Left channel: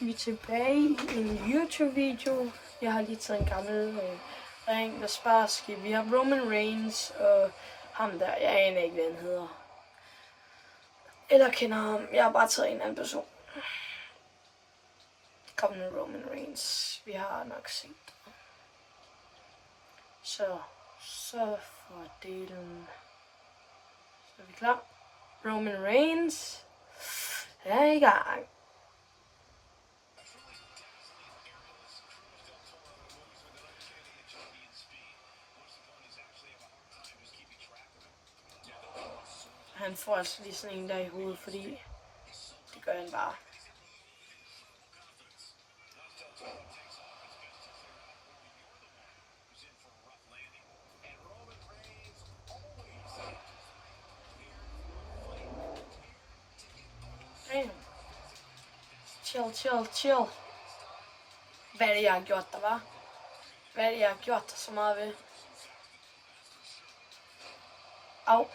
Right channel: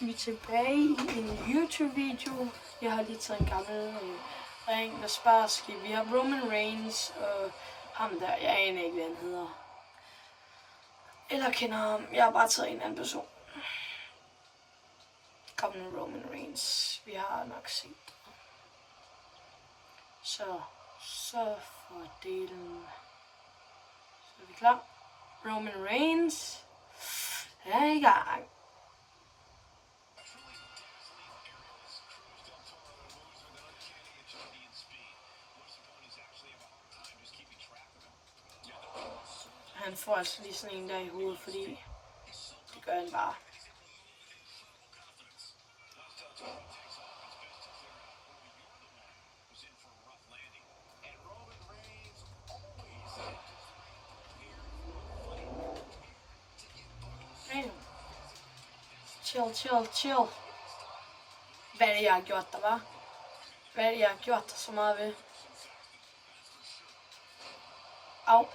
Vi er tilbage i en YouTube-video. Jeg har lige taget en gammel ring og sparskib. Vi har Roman Reigns og ham der. Jeg aner ikke, hvad han hedder. Eller kender ham. Jeg har bare taget en anden person. Kom nu, Roman Reigns. Vi har nok set det. Så for delen. Så er vi klar. Roman Reigns er i gang. Han får altså lige sådan en der i hovedet, fordi det gør han bare. Chill. Hvad er det, jeg har gjort der, var? Hvad er det, jeg har gjort der så meget ved? Au.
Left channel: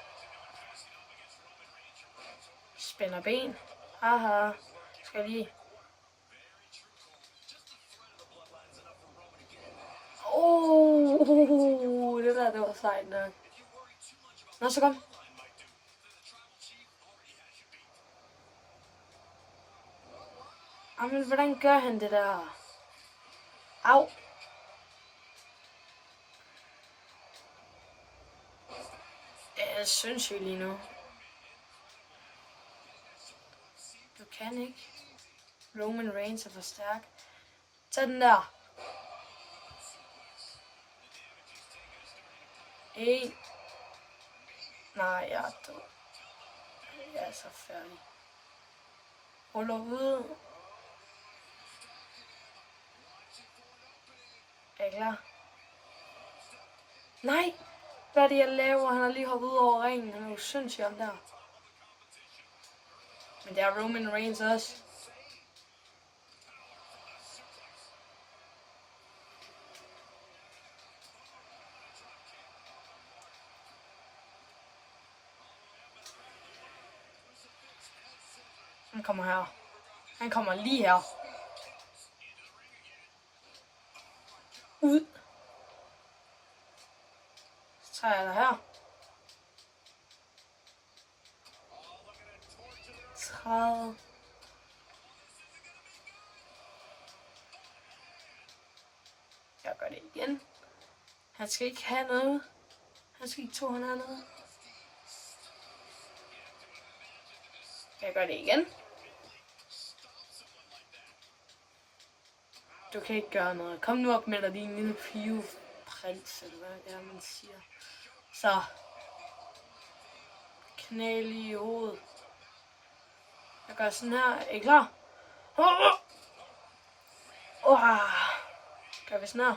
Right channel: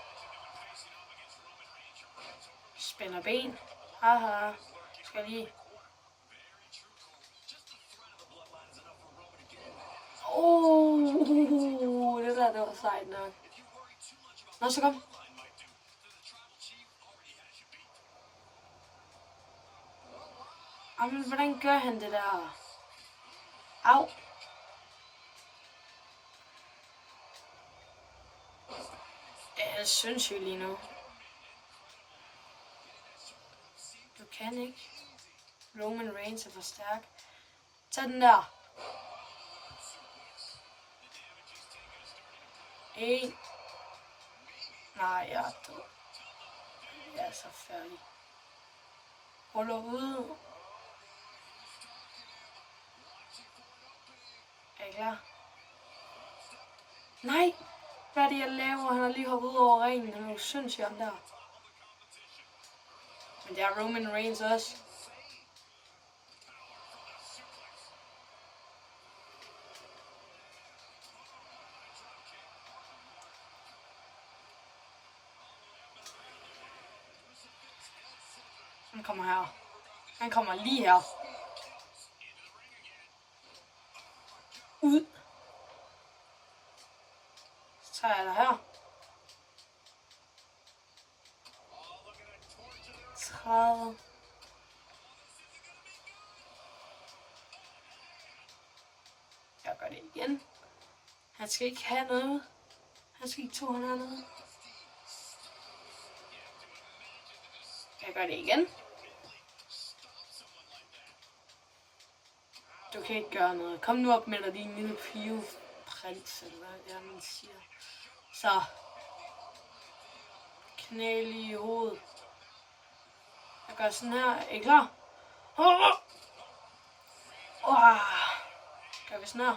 Spænder ben. Haha. Skal lige. Det der, det var sejt nok. Nå, så kom. Jamen, hvordan gør han det der? Au. Jeg er sindssyg lige nu. Du kan ikke. Roman Reigns er for stærk. Tag den der. En. Nej, jeg er død. Jeg er så færdig. Holder ude. Er I klar? Nej! Hvad er det, jeg laver? Han har lige hoppet ud over ringen. Han er jo sindssygt om der. Men det er Roman Reigns også. Han kommer her. Han kommer lige her. Ud. Så tager jeg dig her. 30. Jeg gør det igen. Han skal ikke have noget. Han skal ikke tro, han har noget. Jeg gør det igen. Du kan ikke gøre noget. Kom nu op med dig, din lille pigeprins, eller hvad man siger. Så. Knæ i hovedet. Jeg gør sådan her. Er I klar? Gør vi sådan her.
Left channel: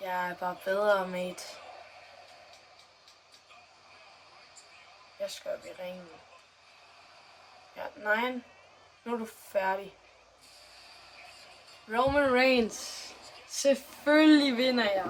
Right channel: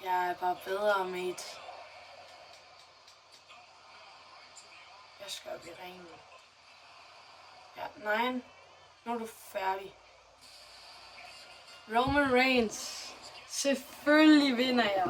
Jeg er bare bedre, mate. Jeg skal op i ringen. Ja, nej. Nu er du færdig. Roman Reigns. Selvfølgelig vinder jeg.